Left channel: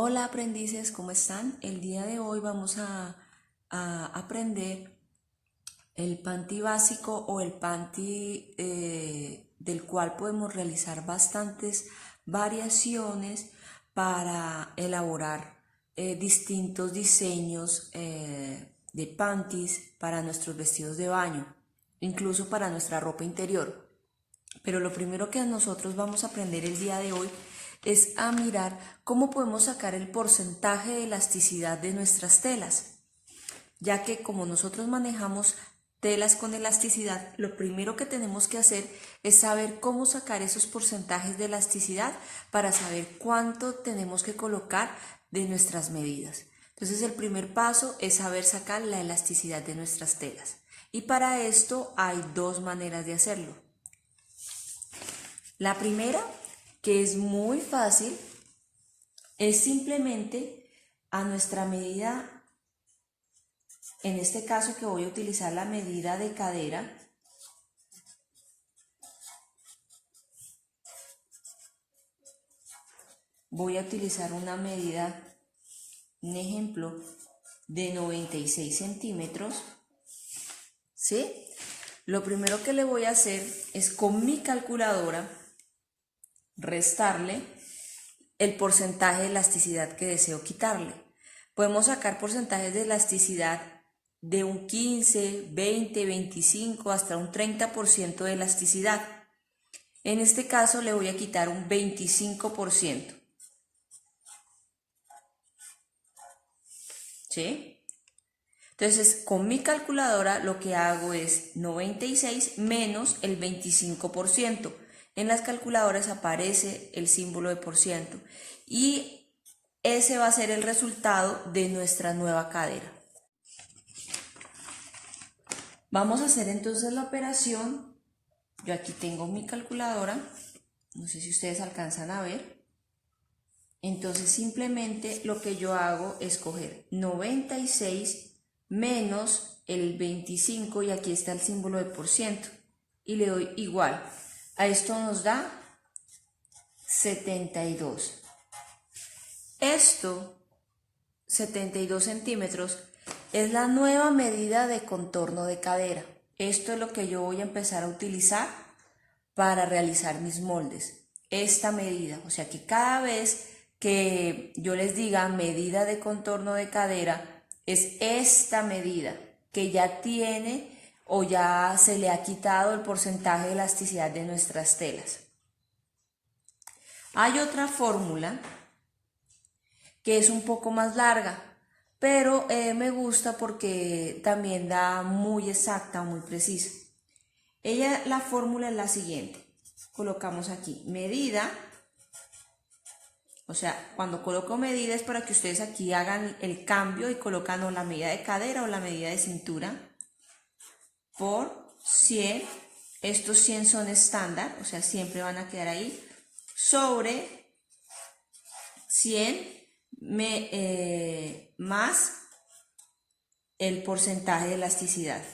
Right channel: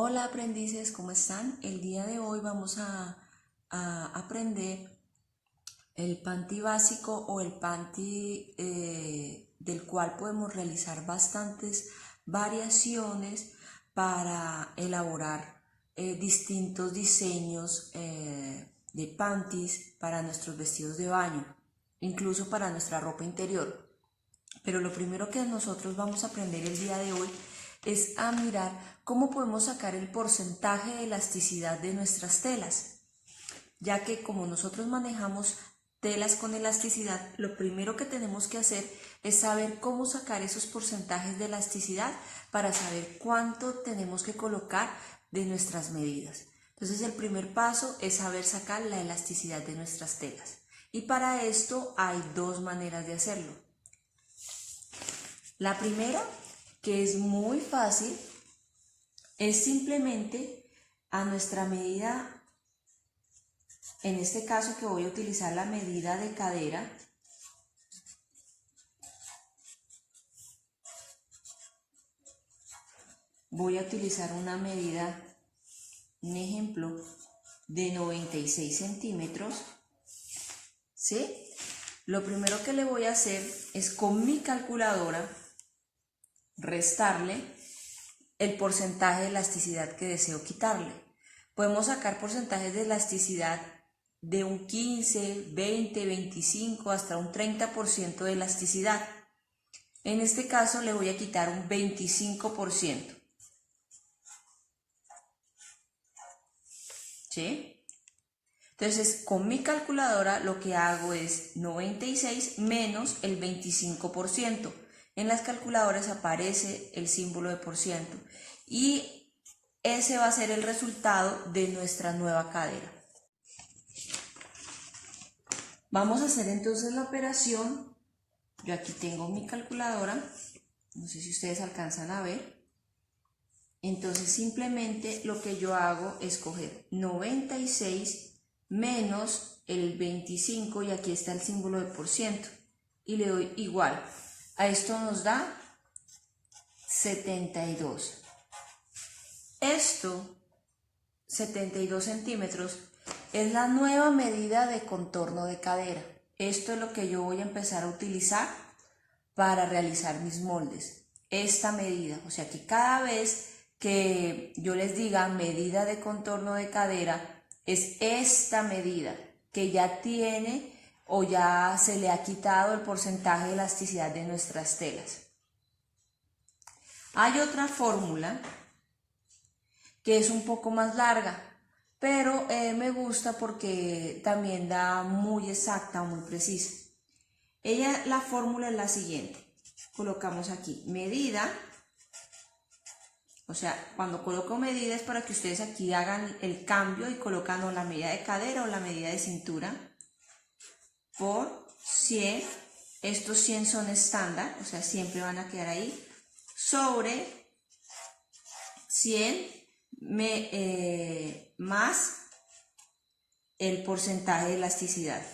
Hola aprendices, ¿cómo están? El día de hoy vamos a aprender el panty básico o el panty del cual podemos realizar bastantes variaciones para elaborar distintos diseños de panties para nuestros vestidos de baño, incluso para nuestra ropa interior. Pero lo primero que nosotros vamos a aprender el día de hoy es a mirar cómo podemos sacar el porcentaje de elasticidad de nuestras telas, ya que como nosotros manejamos telas con elasticidad, lo primero que tenemos que hacer es saber cómo sacar esos porcentajes de elasticidad para saber cuánto tenemos que colocar de nuestras medidas. Entonces el primer paso es saber sacar la elasticidad de nuestras telas. Y para esto hay dos maneras de hacerlo. La primera, que es muy fácil, es simplemente a nuestra medida, en este caso que voy a utilizar la medida de cadera, voy a utilizar una medida, un ejemplo, de 96 centímetros, ¿sí? Lo primero que le voy a hacer es con mi calculadora restarle el porcentaje de elasticidad que deseo quitarle. Podemos sacar porcentajes de elasticidad de un 15, 20, 25 hasta un 30% de elasticidad. En este caso le voy a quitar un 25%. ¿Sí? Entonces, con mi calculadora lo que hago es 96 menos el 25%. En las calculadoras aparece el símbolo de por ciento y ese va a ser el resultado de nuestra nueva cadera. Vamos a hacer entonces la operación. Yo aquí tengo mi calculadora, no sé si ustedes alcanzan a ver. Entonces simplemente lo que yo hago es coger 96 menos el 25 y aquí está el símbolo de por ciento y le doy igual. A esto nos da 72. Esto, 72 centímetros, es la nueva medida de contorno de cadera. Esto es lo que yo voy a empezar a utilizar para realizar mis moldes. Esta medida, o sea que cada vez que yo les diga medida de contorno de cadera, es esta medida que ya tiene o ya se le ha quitado el porcentaje de elasticidad de nuestras telas. Hay otra fórmula que es un poco más larga, pero me gusta porque también da muy exacta, muy precisa. La fórmula es la siguiente. Colocamos aquí medida, o sea, cuando coloco medida es para que ustedes aquí hagan el cambio y colocan o la medida de cadera o la medida de cintura, por 100, estos 100 son estándar, o sea, siempre van a quedar ahí, sobre 100 más el porcentaje de elasticidad.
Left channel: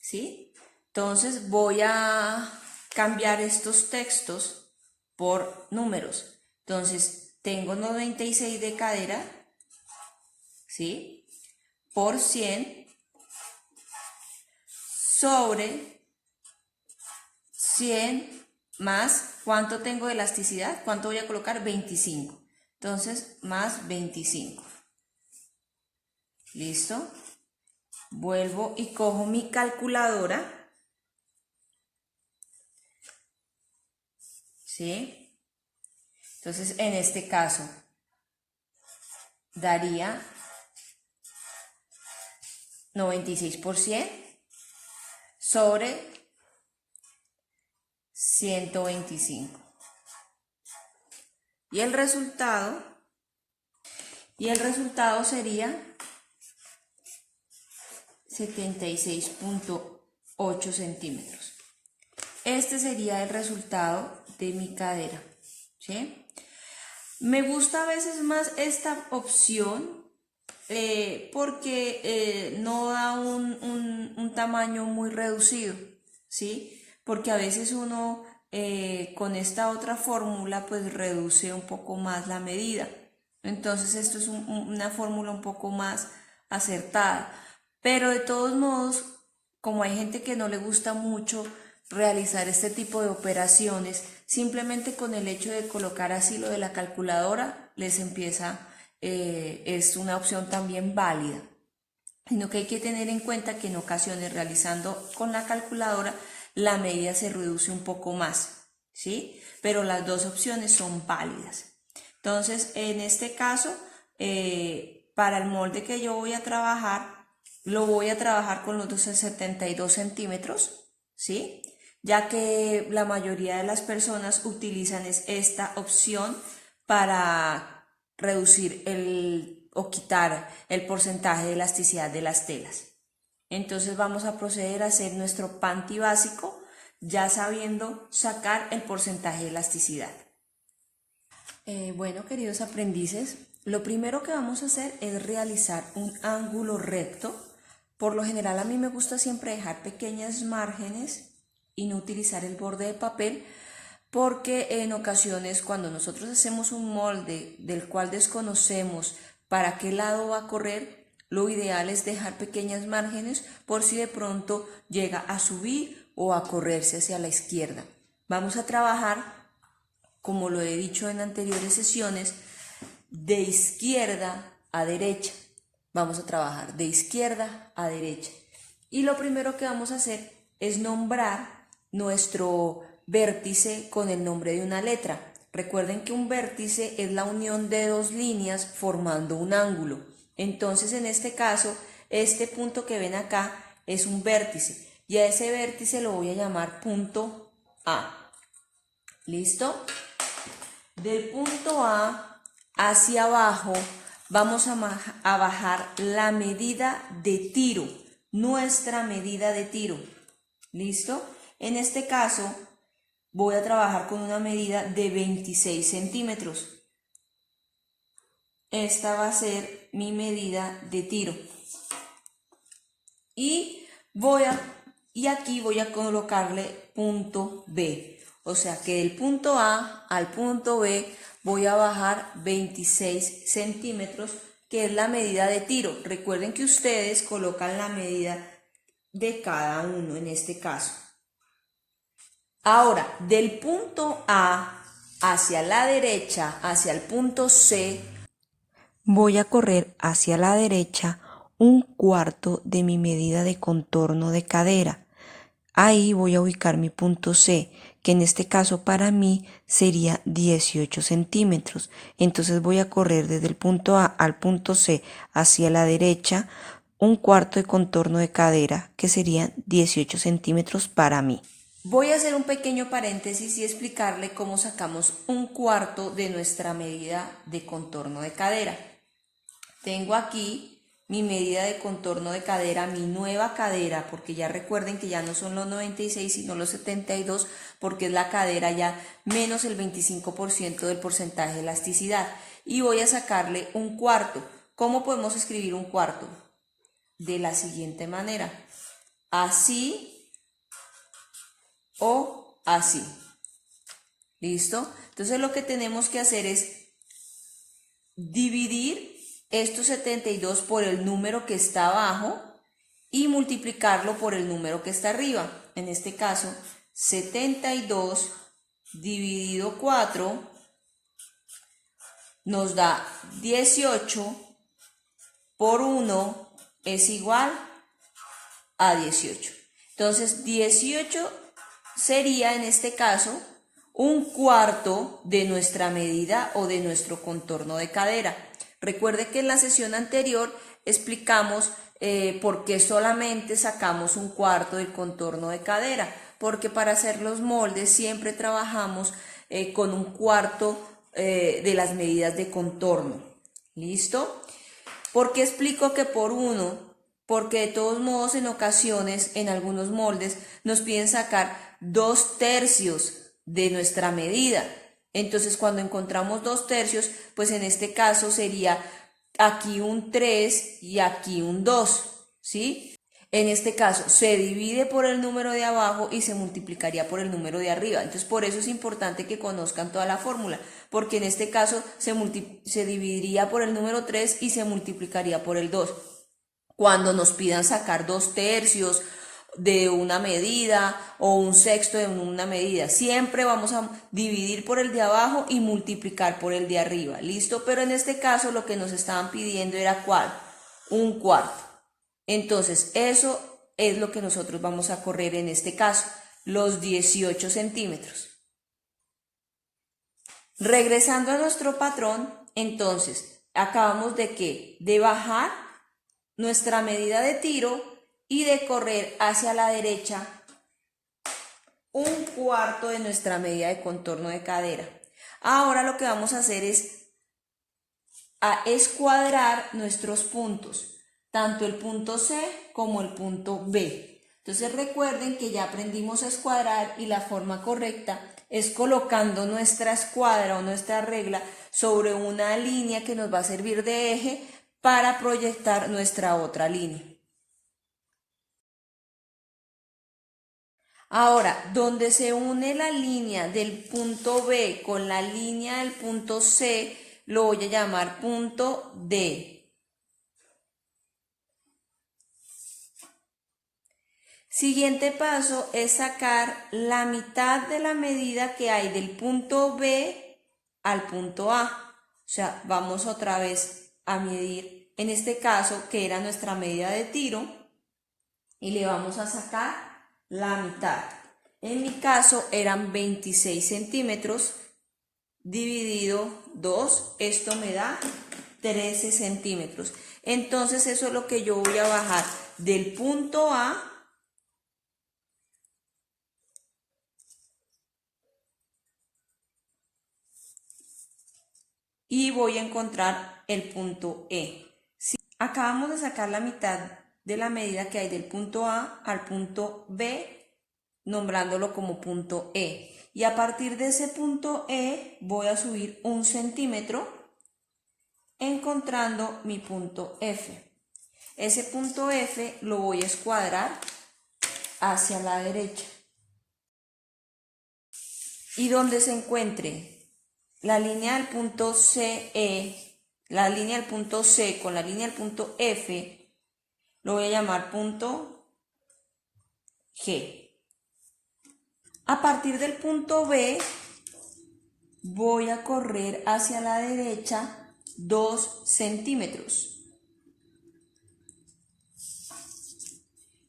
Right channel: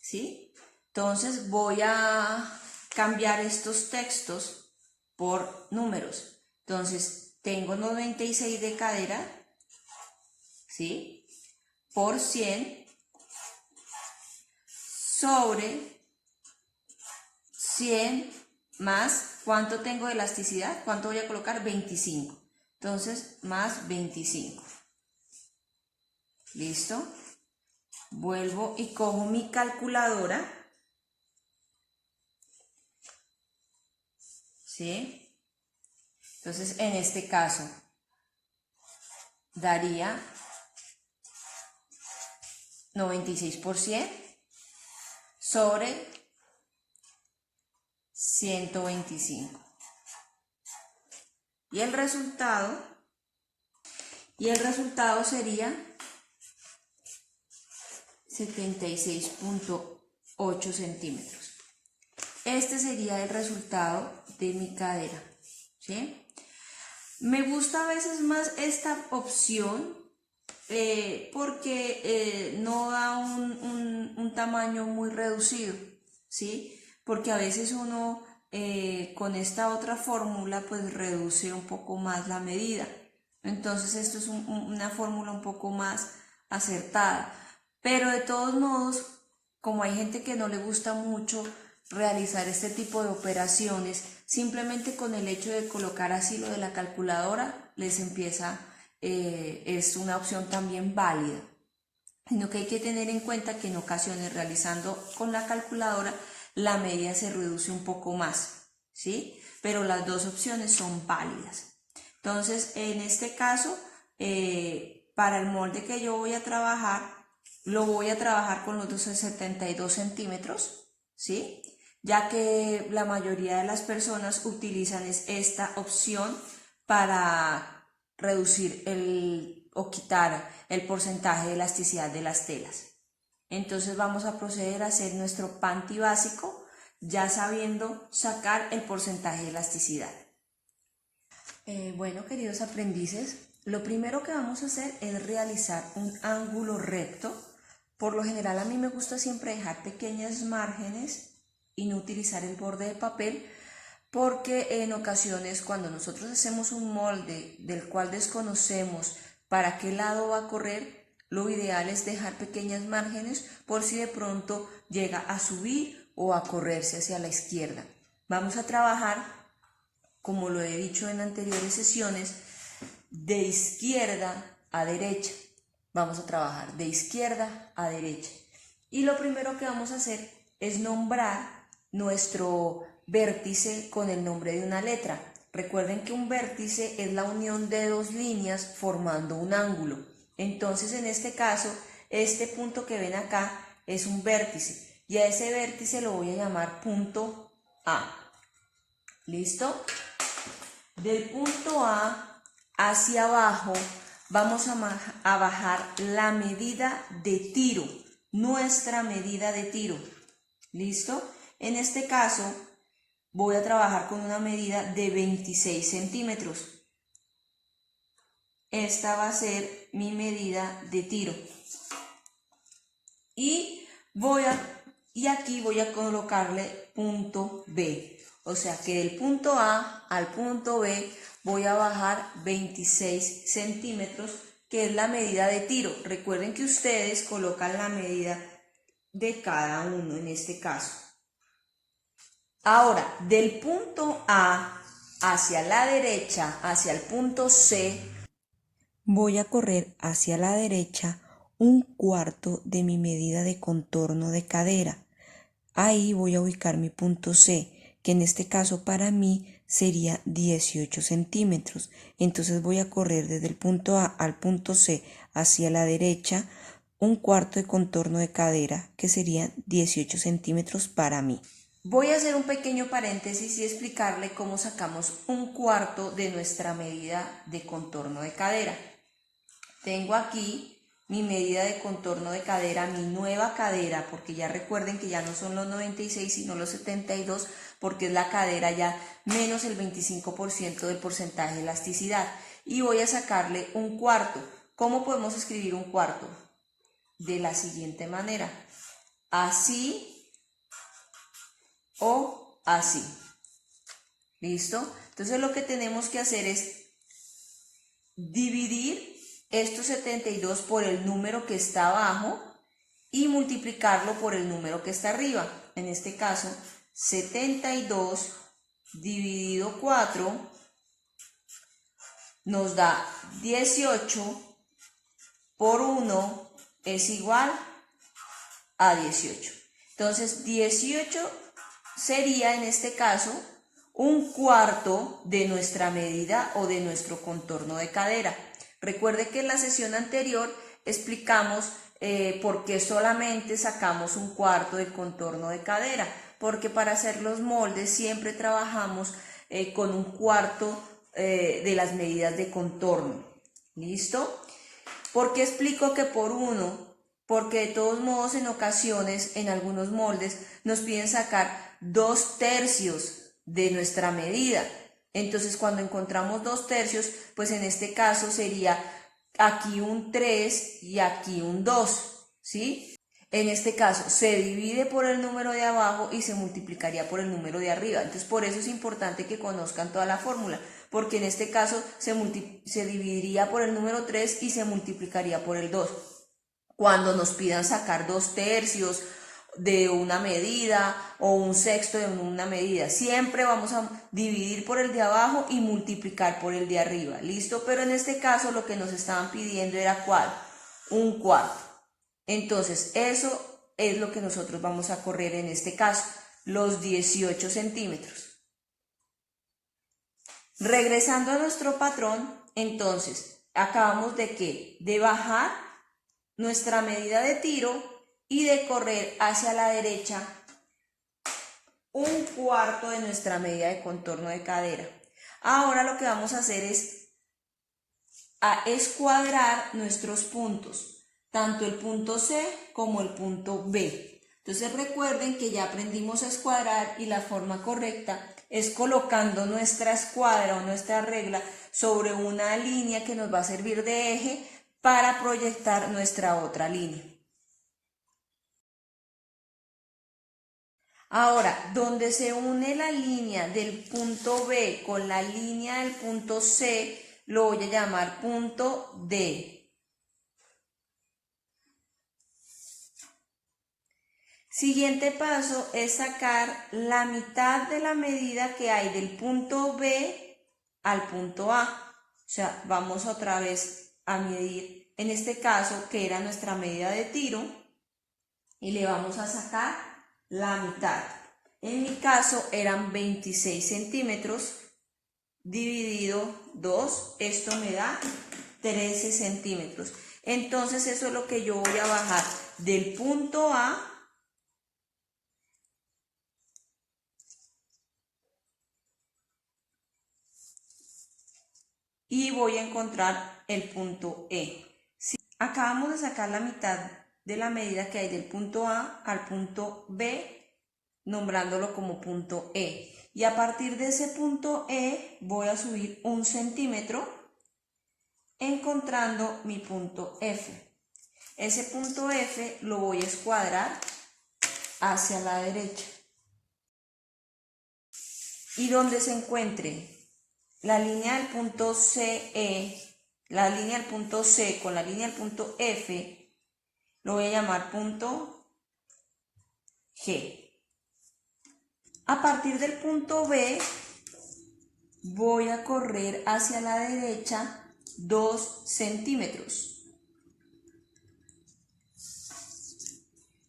¿Sí? Entonces voy a cambiar estos textos por números. Entonces tengo 96 de cadera, ¿sí? Por 100 sobre 100 más, ¿cuánto tengo de elasticidad? ¿Cuánto voy a colocar? 25. Entonces, más 25. ¿Listo? Vuelvo y cojo mi calculadora. ¿Sí? Entonces, en este caso, daría 96% sobre 125. Y el resultado sería 76.8 centímetros. Este sería el resultado de mi cadera, ¿sí? Me gusta a veces más esta opción porque no da un tamaño muy reducido, ¿sí? Porque a veces uno con esta otra fórmula pues reduce un poco más la medida. Entonces esto es una fórmula un poco más acertada. Pero de todos modos, como hay gente que no le gusta mucho realizar este tipo de operaciones, simplemente con el hecho de colocar así lo de la calculadora, les empieza, es una opción también válida. Sino que hay que tener en cuenta que en ocasiones realizando con la calculadora la medida se reduce un poco más, ¿sí? Pero las dos opciones son válidas. Entonces, en este caso, para el molde que yo voy a trabajar, lo voy a trabajar con los 72 centímetros, ¿sí? Ya que la mayoría de las personas utilizan esta opción para reducir o quitar el porcentaje de elasticidad de las telas. Entonces vamos a proceder a hacer nuestro panty básico ya sabiendo sacar el porcentaje de elasticidad. Bueno, queridos aprendices, lo primero que vamos a hacer es realizar un ángulo recto. Por lo general a mí me gusta siempre dejar pequeñas márgenes y no utilizar el borde de papel, porque en ocasiones cuando nosotros hacemos un molde del cual desconocemos para qué lado va a correr, lo ideal es dejar pequeñas márgenes por si de pronto llega a subir o a correrse hacia la izquierda. Vamos a trabajar, como lo he dicho en anteriores sesiones, de izquierda a derecha. Vamos a trabajar de izquierda a derecha. Y lo primero que vamos a hacer es nombrar nuestro vértice con el nombre de una letra. Recuerden que un vértice es la unión de dos líneas formando un ángulo. Entonces, en este caso, este punto que ven acá es un vértice. Y a ese vértice lo voy a llamar punto A. ¿Listo? Del punto A hacia abajo vamos a bajar la medida de tiro, nuestra medida de tiro. ¿Listo? En este caso voy a trabajar con una medida de 26 centímetros. Esta va a ser mi medida de tiro. Y aquí voy a colocarle punto B. O sea que del punto A al punto B voy a bajar 26 centímetros, que es la medida de tiro. Recuerden que ustedes colocan la medida de cada uno en este caso. Ahora, del punto A hacia la derecha, hacia el punto C, voy a correr hacia la derecha 1/4 de mi medida de contorno de cadera. Ahí voy a ubicar mi punto C, que en este caso para mí sería 18 centímetros. Entonces voy a correr desde el punto A al punto C hacia la derecha 1/4 de contorno de cadera, que serían 18 centímetros para mí. Voy a hacer un pequeño paréntesis y explicarle cómo sacamos 1/4 de nuestra medida de contorno de cadera. Tengo aquí mi medida de contorno de cadera, mi nueva cadera, porque ya recuerden que ya no son los 96 sino los 72, porque es la cadera ya menos el 25% del porcentaje de elasticidad. Y voy a sacarle 1/4. ¿Cómo podemos escribir 1/4? De la siguiente manera: así o así. ¿Listo? Entonces lo que tenemos que hacer es dividir estos 72 por el número que está abajo y multiplicarlo por el número que está arriba. En este caso, 72 dividido 4 nos da 18 por 1 es igual a 18. Entonces, 18 sería en este caso 1/4 de nuestra medida o de nuestro contorno de cadera. Recuerde que en la sesión anterior explicamos por qué solamente sacamos 1/4 del contorno de cadera, porque para hacer los moldes siempre trabajamos con 1/4 de las medidas de contorno. ¿Listo? ¿Por qué explico que por 1? Porque de todos modos en ocasiones, en algunos moldes, nos piden sacar 2/3 de nuestra medida. Entonces cuando encontramos 2/3, pues en este caso sería aquí un 3 y aquí un 2, ¿sí? en este caso se divide por el número de abajo y se multiplicaría por el número de arriba. Entonces por eso es importante que conozcan toda la fórmula, porque en este caso se dividiría por el número 3 y se multiplicaría por el 2. Cuando nos pidan sacar 2/3 de una medida o 1/6 de una medida, siempre vamos a dividir por el de abajo y multiplicar por el de arriba, ¿listo? Pero en este caso lo que nos estaban pidiendo era ¿cuál? 1/4. Entonces eso es lo que nosotros vamos a correr en este caso, los 18 centímetros. Regresando a nuestro patrón, entonces acabamos de ¿qué? De bajar nuestra medida de tiro y de correr hacia la derecha 1/4 de nuestra medida de contorno de cadera. Ahora lo que vamos a hacer es a escuadrar nuestros puntos, tanto el punto C como el punto B. Entonces recuerden que ya aprendimos a escuadrar y la forma correcta es colocando nuestra escuadra o nuestra regla sobre una línea que nos va a servir de eje para proyectar nuestra otra línea. Ahora, donde se une la línea del punto B con la línea del punto C, lo voy a llamar punto D. Siguiente paso es sacar la mitad de la medida que hay del punto B al punto A. O sea, vamos otra vez a medir, en este caso, que era nuestra medida de tiro, y le vamos a sacar la mitad. En mi caso eran 26 centímetros dividido 2, esto me da 13 centímetros. Entonces eso es lo que yo voy a bajar del punto A y voy a encontrar el punto E. Si acabamos de sacar la mitad de la medida que hay del punto A al punto B, nombrándolo como punto E. Y a partir de ese punto E voy a subir 1 centímetro, encontrando mi punto F. Ese punto F lo voy a escuadrar hacia la derecha. Y donde se encuentre la línea del punto CE, la línea del punto C con la línea del punto F, lo voy a llamar punto G. A partir del punto B voy a correr hacia la derecha 2 centímetros.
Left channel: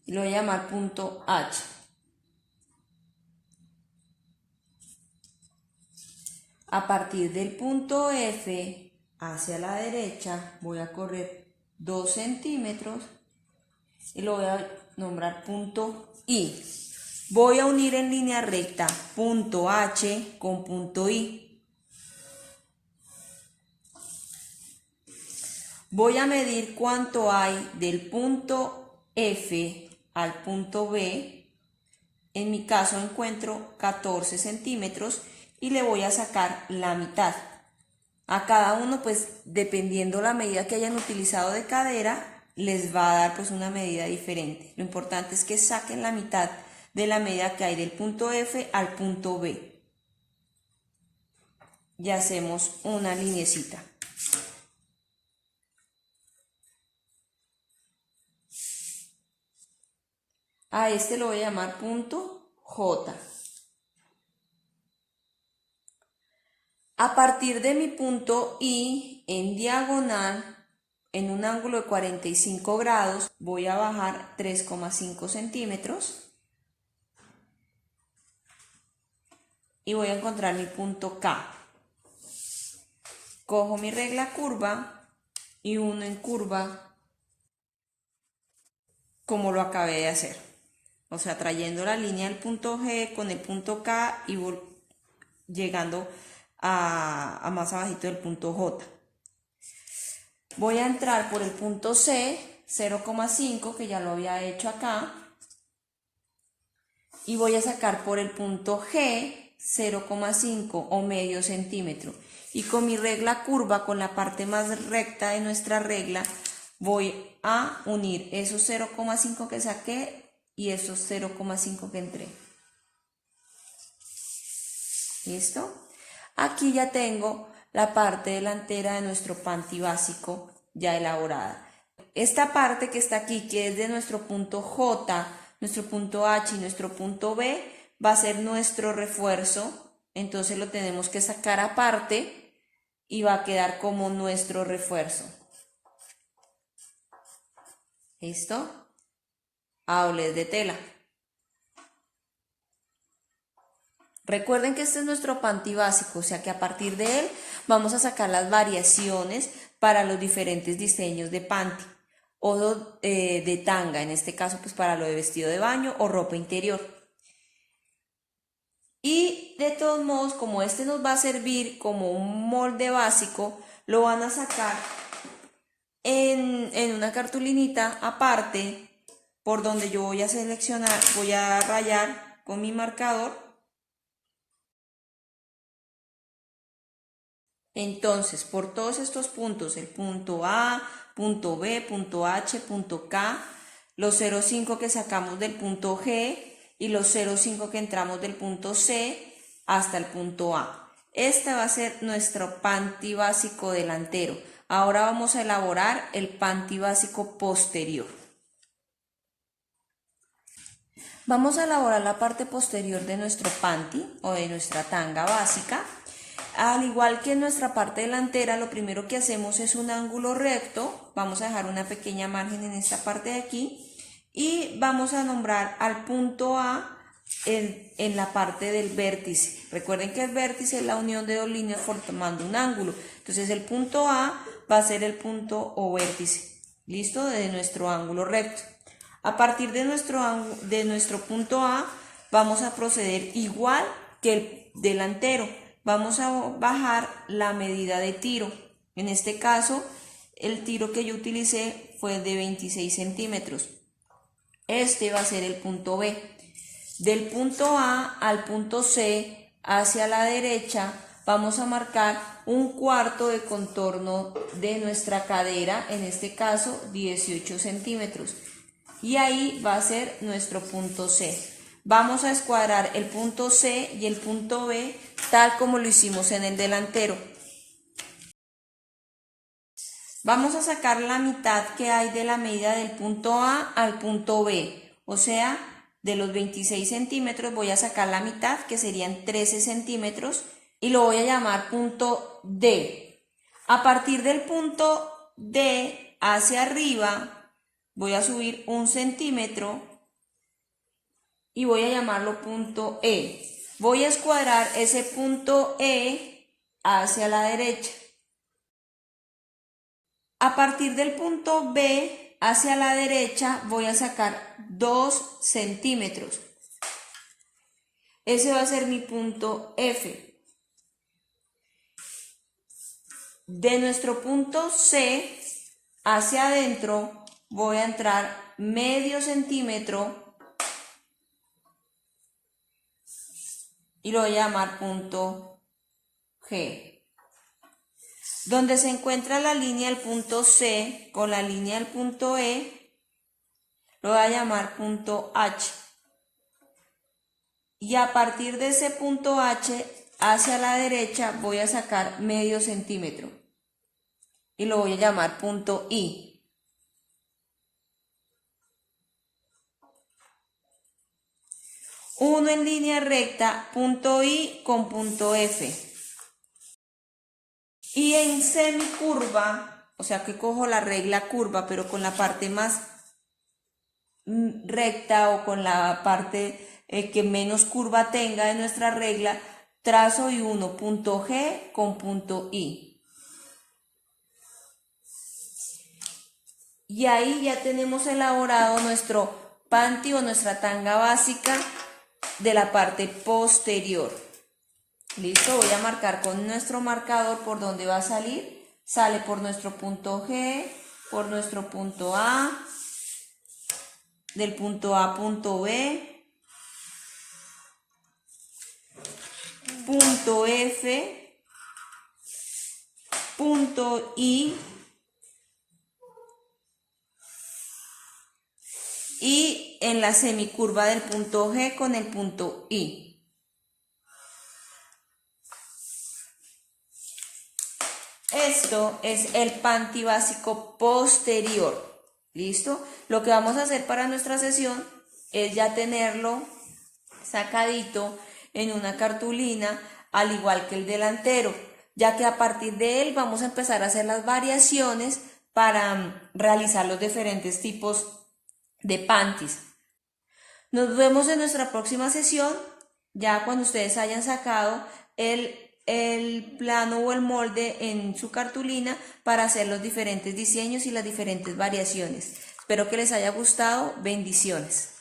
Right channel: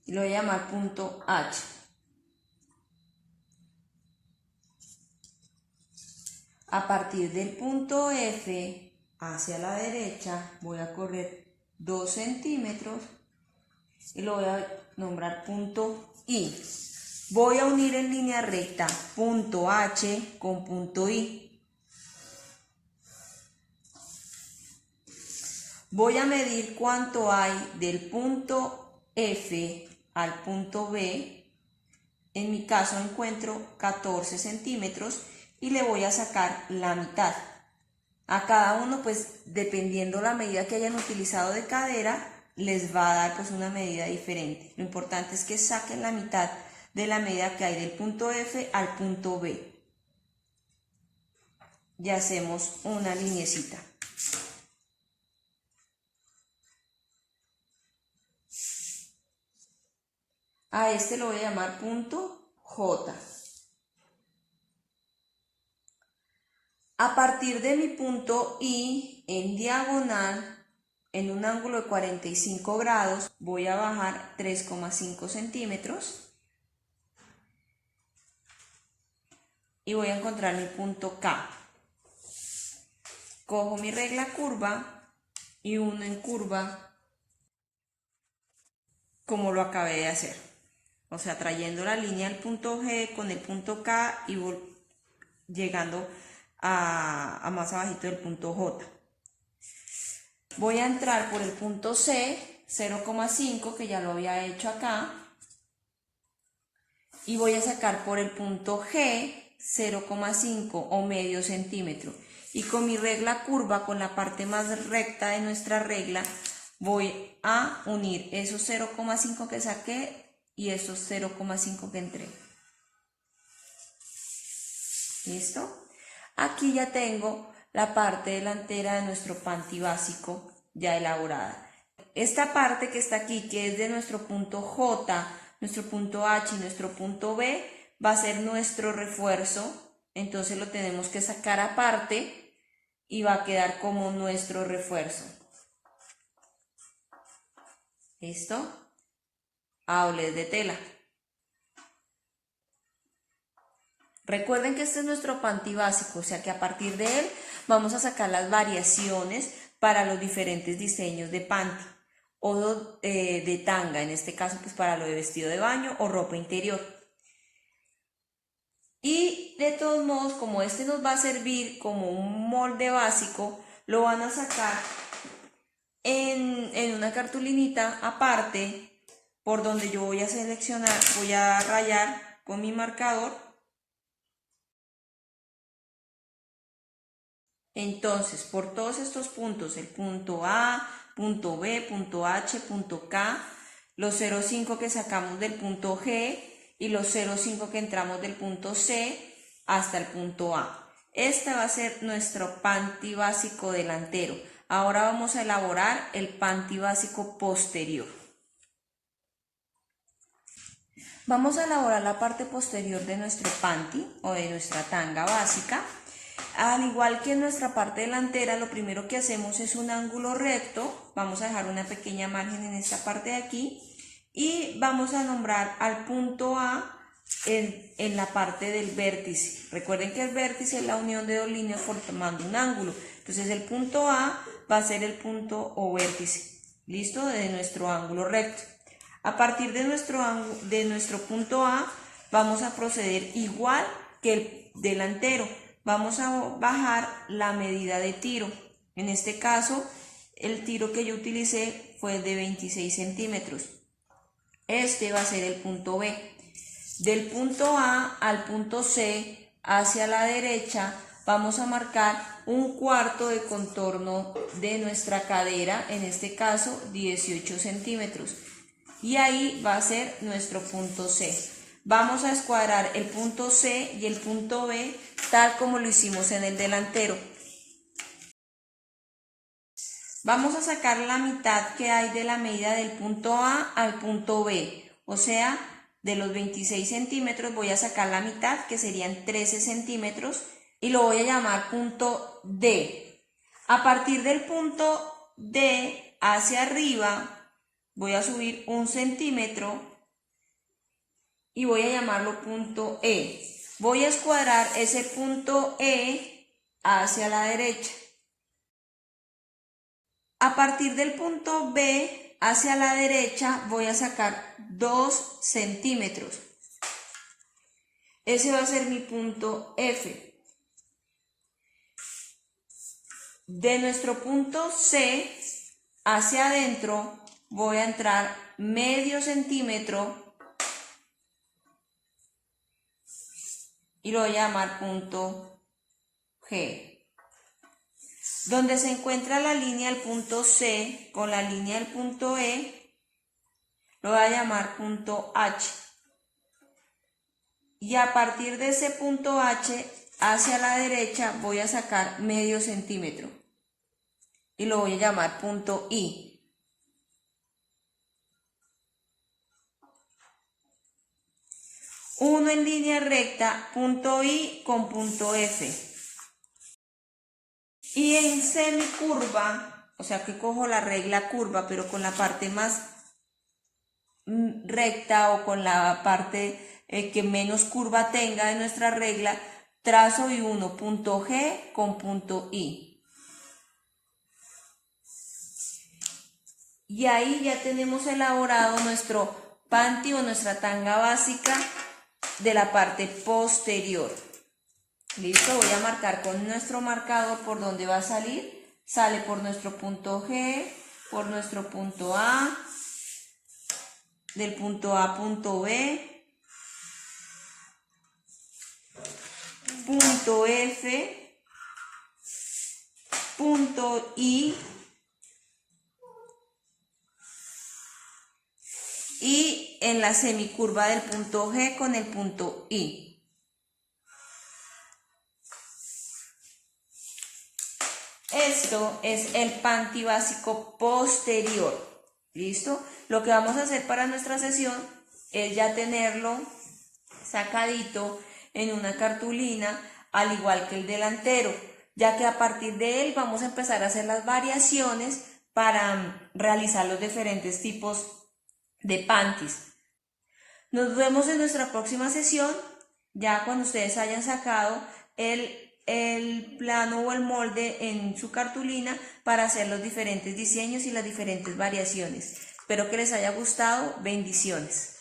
Y lo voy a llamar punto H. A partir del punto F hacia la derecha voy a correr 2 centímetros y lo voy a nombrar punto I. Voy a unir en línea recta punto H con punto I. Voy a medir cuánto hay del punto F al punto B. En mi caso encuentro 14 centímetros y le voy a sacar la mitad. A cada uno, pues dependiendo la medida que hayan utilizado de cadera, les va a dar pues una medida diferente. Lo importante es que saquen la mitad de la medida que hay del punto F al punto B. Y hacemos una linecita. A este lo voy a llamar punto J. A partir de mi punto I, en diagonal, en un ángulo de 45 grados, voy a bajar 3,5 centímetros. Y voy a encontrar mi punto K. Cojo mi regla curva y uno en curva como lo acabé de hacer. O sea, trayendo la línea del punto G con el punto K y llegando a más abajito del punto J. Voy a entrar por el punto C, 0,5, que ya lo había hecho acá. Y voy a sacar por el punto G 0,5 o medio centímetro. Y con mi regla curva, con la parte más recta de nuestra regla, Voy a unir esos 0,5 que saqué y esos 0,5 que entré. ¿Listo? Aquí ya tengo la parte delantera de nuestro panty básico ya elaborada. Esta parte que está aquí, que es de nuestro punto J, nuestro punto H y nuestro punto B, va a ser nuestro refuerzo. Entonces lo tenemos que sacar aparte y va a quedar como nuestro refuerzo. ¿Listo? Aules de tela. Recuerden que este es nuestro panty básico, o sea que a partir de él vamos a sacar las variaciones para los diferentes diseños de panty o de tanga, en este caso pues para lo de vestido de baño o ropa interior. Y de todos modos, como este nos va a servir como un molde básico, lo van a sacar en una cartulinita aparte por donde yo voy a seleccionar, voy a rayar con mi marcador. Entonces, por todos estos puntos, el punto A, punto B, punto H, punto K, los 0,5 que sacamos del punto G y los 0,5 que entramos del punto C hasta el punto A. Este va a ser nuestro panty básico delantero. Ahora vamos a elaborar el panty básico posterior. Vamos a elaborar la parte posterior de nuestro panty o de nuestra tanga básica. Al igual que en nuestra parte delantera, lo primero que hacemos es un ángulo recto. Vamos a dejar una pequeña margen en esta parte de aquí y vamos a nombrar al punto A en la parte del vértice. Recuerden que el vértice es la unión de dos líneas formando un ángulo. Entonces el punto A va a ser el punto o vértice, ¿listo? De nuestro ángulo recto. A partir de nuestro punto A vamos a proceder igual que el delantero. Vamos a bajar la medida de tiro. En este caso, el tiro que yo utilicé fue de 26 centímetros. Este va a ser el punto B. Del punto A al punto C, hacia la derecha, vamos a marcar un cuarto de contorno de nuestra cadera, en este caso 18 centímetros. Y ahí va a ser nuestro punto C. Vamos a escuadrar el punto C y el punto B tal como lo hicimos en el delantero. Vamos a sacar la mitad que hay de la medida del punto A al punto B. O sea, de los 26 centímetros voy a sacar la mitad, que serían 13 centímetros, y lo voy a llamar punto D. A partir del punto D hacia arriba voy a subir 1 centímetro y voy a llamarlo punto E. Voy a escuadrar ese punto E hacia la derecha. A partir del punto B hacia la derecha voy a sacar 2 centímetros. Ese va a ser mi punto F. De nuestro punto C hacia adentro voy a entrar medio centímetro y lo voy a llamar punto G. Donde se encuentra la línea del punto C con la línea del punto E, lo voy a llamar punto H. Y a partir de ese punto H hacia la derecha voy a sacar medio centímetro y lo voy a llamar punto I. Uno en línea recta, punto I con punto F. Y en semicurva, o sea que cojo la regla curva, pero con la parte más recta o con la parte que menos curva tenga de nuestra regla, trazo y uno punto G con punto I. Y ahí ya tenemos elaborado nuestro panty o nuestra tanga básica de la parte posterior. Listo, voy a marcar con nuestro marcador por dónde va a salir. Sale por nuestro punto G, por nuestro punto A, del punto A punto B, punto F, punto I y en la semicurva del punto G con el punto I. Esto es el panty básico posterior. ¿Listo? Lo que vamos a hacer para nuestra sesión es ya tenerlo sacadito en una cartulina, al igual que el delantero, ya que a partir de él vamos a empezar a hacer las variaciones para realizar los diferentes tipos de panties. Nos vemos en nuestra próxima sesión, ya cuando ustedes hayan sacado el plano o el molde en su cartulina para hacer los diferentes diseños y las diferentes variaciones. Espero que les haya gustado. Bendiciones.